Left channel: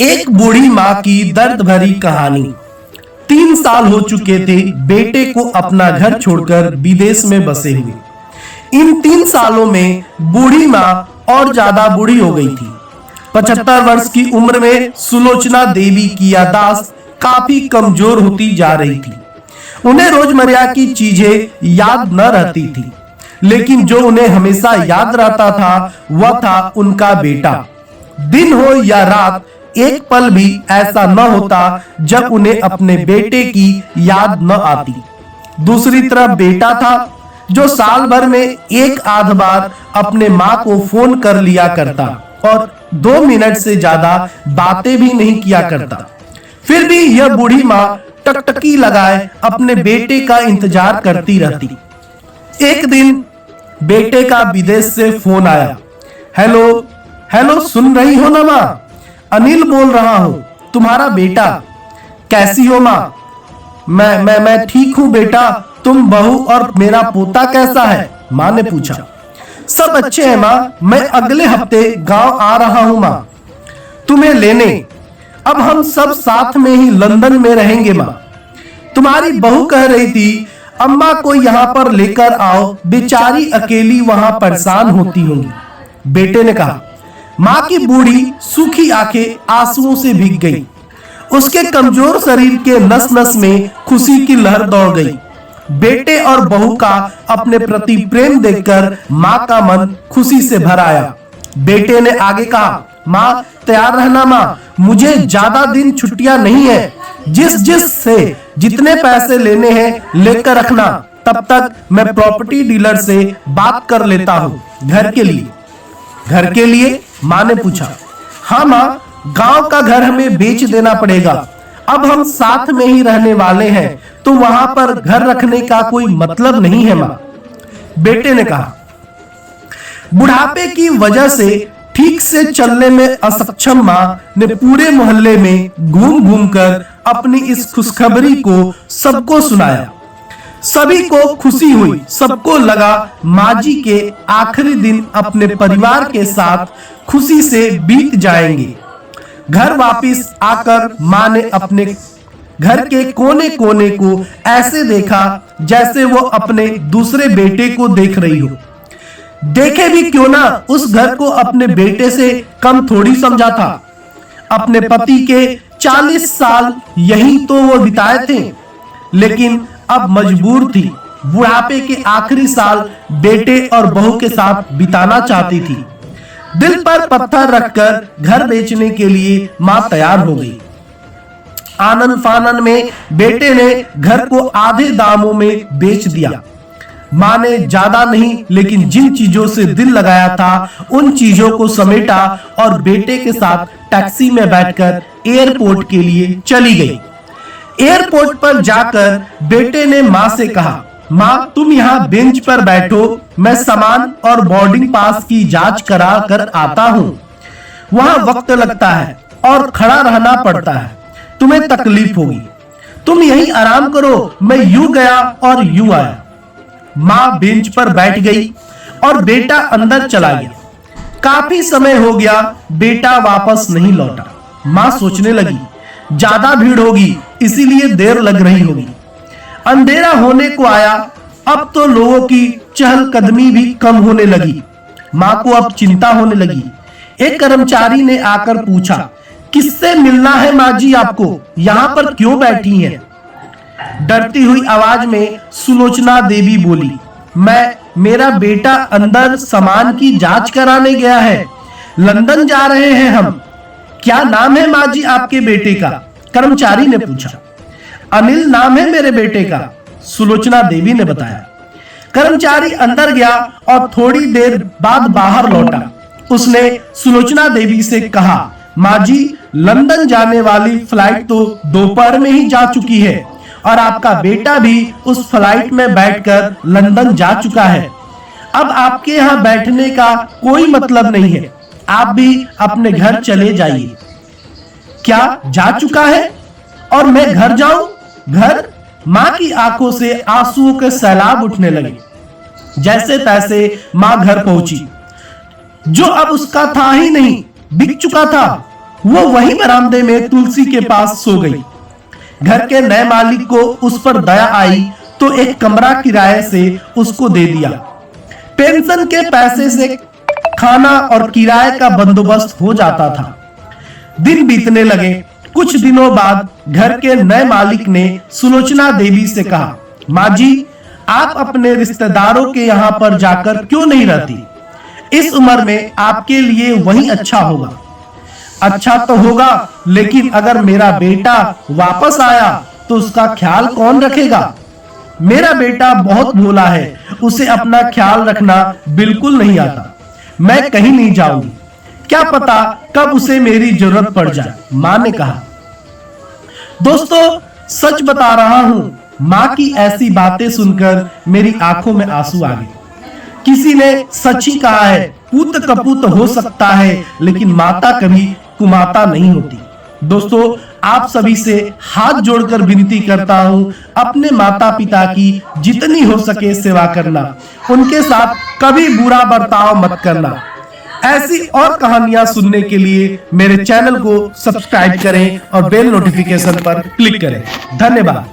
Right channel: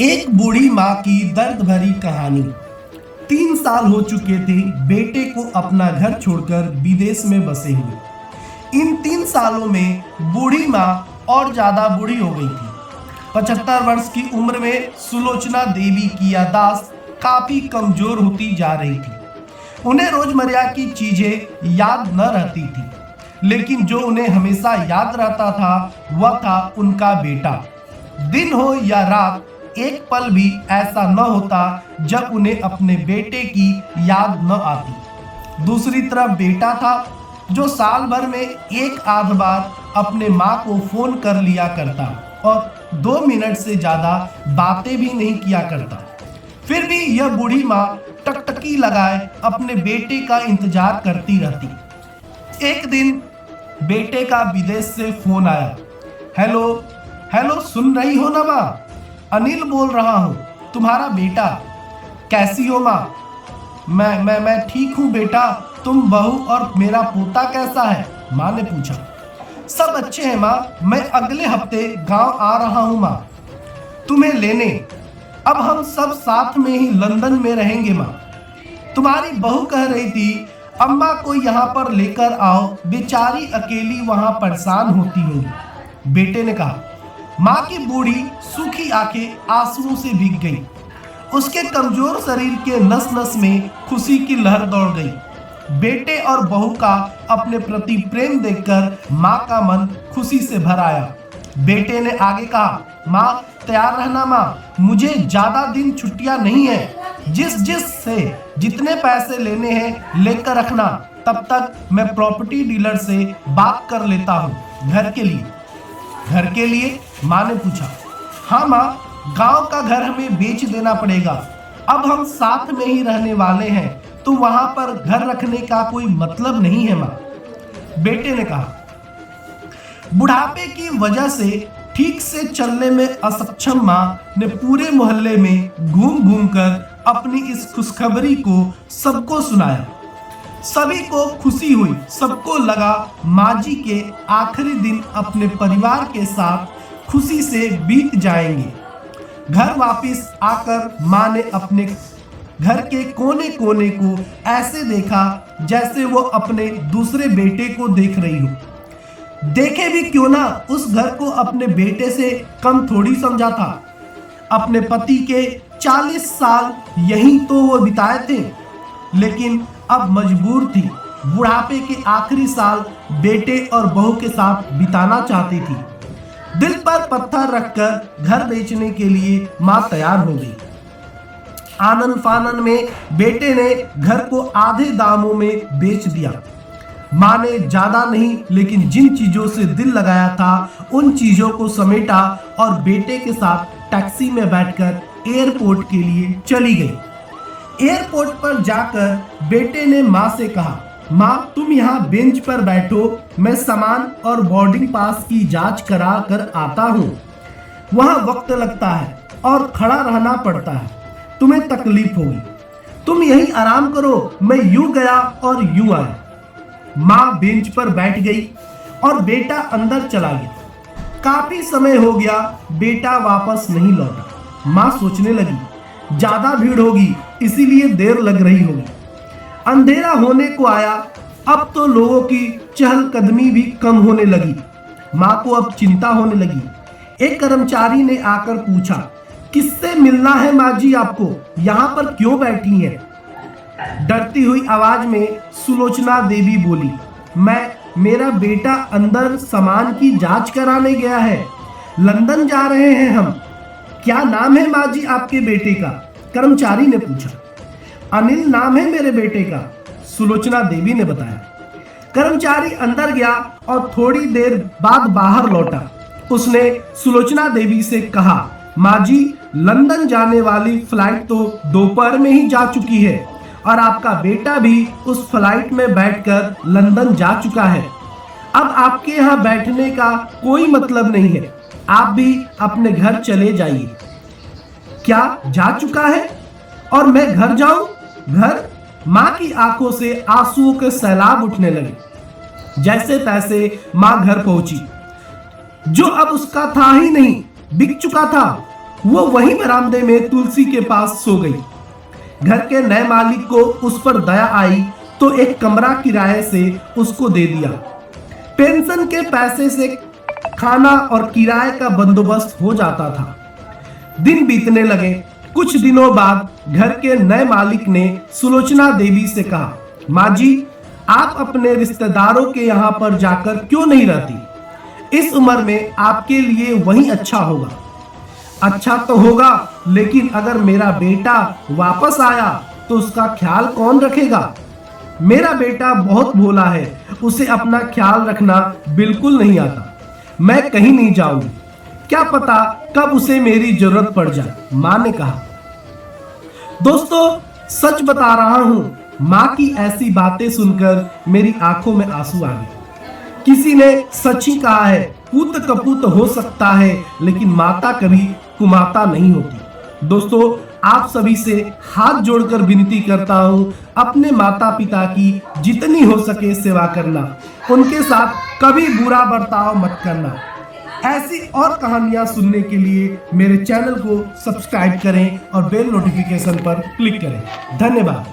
एक बूढ़ी माँ की दर्द भरी कहानी। 3 साल हो चुके थे बेटे को अपना घर छोड़कर विदेश में बसे हुए। इन 3 सालों में बूढ़ी माँ और ज्यादा बूढ़ी हो गई थी। 75 वर्ष की उम्र में सुलोचना देवी की याददाश्त काफी कमजोर होती जा रही थी। उन्हें रोजमर्रा की चीजें याद न रहती थी, लेकिन जो उन्हें हमेशा याद रहता था वह था उनका बेटा। दिन हो या रात, एक पल भी ऐसा न होता जब उन्हें अपने बेटे की याद न आती। दूसरी तरफ बेटा था जो साल भर में एक आध बार अपने माँ को फोन कर लिया करता और 2 मिनट से ज्यादा बातें भी नहीं किया करता। फिर भी यह बूढ़ी माँ टकटकी लगाए अपने बेटे का इंतजार करती रहती। एक दिन बेटे का विदेश से फोन आया। हेलो हेलो, सुन रही हो ना माँ? अनिल बोल रहा हूँ, तुम्हारा बेटा। कैसी हो माँ? मैं ठीक हूँ बेटा, तुम बहू और मेरा पोता कैसा है? माँ ने पूछा। सब अच्छे हैं माँ, मैं अगले हफ्ते गांव आ रहा हूँ माँ तुम्हें लेने। अब हम सब साथ में ही लंदन में रहेंगे माँ। तुम्हारी बहू कह रही थी अम्मा को यहाँ पर लेकर आओ, बेचारी अकेली वहां परेशान होती होंगी। बेटे ने कहा। माँ की बूढ़ी सूखी आंखें आंसुओं से भीग गई। उसके कमजोर शरीर के नस नस में खुशी की लहर दौड़ गई। बेटे और बहू का अपने प्रति प्रेम देखकर माँ का मन खुशी से भर आया। बेटे ने आगे कहा, माँ तैयार रहना माँ, मुझे ज्यादा दिन छुट्टियां नहीं है। जिस से जितने पैसे लेने हैं लेकर रखना, तब तक मैं प्रॉपर्टी डीलर से बात कर लेता हूँ। घर के लिए? घर के लिए? माँ ने पूछा। हाँ माँ, गांव का घर हमें बेच देना पड़ेगा। अब हम साथ में ही रहने वाले हैं, तो वहां पर घर रखने का कोई मतलब नहीं है माँ। बेटे ने कहा। बुढ़ापे की वजह से ठीक से चलने में असक्षम माँ ने पूरे मोहल्ले में घूम घूम कर अपनी इस खुशखबरी को सबको सुनाया। सभी को खुशी हुई। सबको लगा माँ जी के आखिरी दिन अपने परिवार के साथ खुशी से बीत जाएंगे। घर वापस आकर माँ ने अपने घर के कोने कोने को ऐसे देखा जैसे वो अपने दूसरे बेटे को देख रही हो। देखे भी क्यों ना, उस घर को अपने बेटे से कम थोड़ी समझा था। अपने पति के 40 साल यही तो वो बिताए थे, लेकिन अब मजबूर थी। बुढ़ापे के आखिरी साल बेटे और बहू के साथ बिताना चाहती थी। दिल पर पत्थर रखकर घर बेचने के लिए माँ तैयार हो गई। आनंद फानन में बेटे ने घर को आधे दामों में बेच दिया। माँ ने ज्यादा नहीं, लेकिन जिन चीजों से दिल लगाया था उन चीजों को समेटा और बेटे के साथ टैक्सी में बैठकर एयरपोर्ट के लिए चली गई। एयरपोर्ट पर जाकर बेटे ने माँ से कहा, माँ तुम यहाँ बेंच पर बैठो, मैं सामान और बोर्डिंग पास की जांच करा कर आता हूँ। वहाँ वक्त लगता है और खड़ा रहना पड़ता है, तुम्हें तकलीफ होगी। तुम यहीं आराम करो, मैं यूं गया और यूं आया। माँ बेंच पर बैठ गई और बेटा अंदर चला गया। काफी समय हो गया, बेटा वापस नहीं लौटा। माँ सोचने लगी, ज्यादा भीड़ होगी इसीलिए देर लग रही होगी। अंधेरा होने को आया, अब तो लोगों की चहलकदमी भी कम होने लगी। माँ को अब चिंता होने लगी। एक कर्मचारी ने आकर पूछा, किससे मिलना है माँ जी आपको? यहाँ पर क्यों बैठी हैं? डरती हुई आवाज में सुलोचना देवी बोली, मेरा बेटा अंदर सामान की जांच कराने गया है, लंदन जा रहे हैं हम। क्या नाम है माँ जी आपके बेटे का? कर्मचारी ने पूछा। अनिल नाम है मेरे बेटे का, सुलोचना देवी ने बताया। कर्मचारी अंदर गया और थोड़ी देर बाद बाहर लौटा। उसने सुलोचना देवी से कहा, माँ जी लंदन जाने वाली फ्लाइट तो दोपहर में ही जा चुकी है और आपका बेटा भी उस फ्लाइट में बैठकर लंदन जा चुका है। अब आपके यहाँ बैठने का कोई मतलब नहीं है, आप भी अपने घर चले जाइए। क्या जा चुका है और मैं घर जाऊं? घर? माँ की आंखों से आंसुओं के सैलाब उठने लगे। जैसे तैसे माँ घर पहुंची। जो अब उसका था ही नहीं, बिक चुका था। वो वही बरामदे में तुलसी के पास सो गई। घर के नए मालिक को उस पर दया आई तो एक कमरा किराए से उसको दे दिया। पेंशन के पैसे से खाना और किराए का बंदोबस्त हो जाता था। दिन बीतने लगे। कुछ दिनों बाद घर के नए मालिक ने सुलोचना देवी से कहा, माँ जी, आप अपने रिश्तेदारों के यहाँ पर जाकर क्यों नहीं रहती? इस उम्र में आपके लिए वही अच्छा होगा। अच्छा तो होगा, लेकिन अगर मेरा बेटा वापस आया तो उसका ख्याल कौन रखेगा? मेरा बेटा बहुत भोला है, उसे अपना ख्याल रखना बिल्कुल नहीं आता। मैं कहीं नहीं जाऊंगी, क्या पता कब उसे मेरी जरूरत पड़ जाए, माँ ने कहा। दोस्तों, सच बता रहा हूं, माँ की ऐसी बातें सुनकर मेरी आंखों में आंसू आ गए। किसी ने सच ही कहा है, पुत्र कपूत हो सकता है लेकिन माता कभी कुमाता नहीं होती। दोस्तों, आप सभी से हाथ जोड़कर विनती करता हूं, अपने माता पिता की जितनी हो सके सेवा करना, उनके साथ कभी बुरा बर्ताव मत करना। ऐसी और कहानियां सुनने के लिए मेरे चैनल को सब्सक्राइब करें और बेल नोटिफिकेशन पर क्लिक करें। धन्यवाद।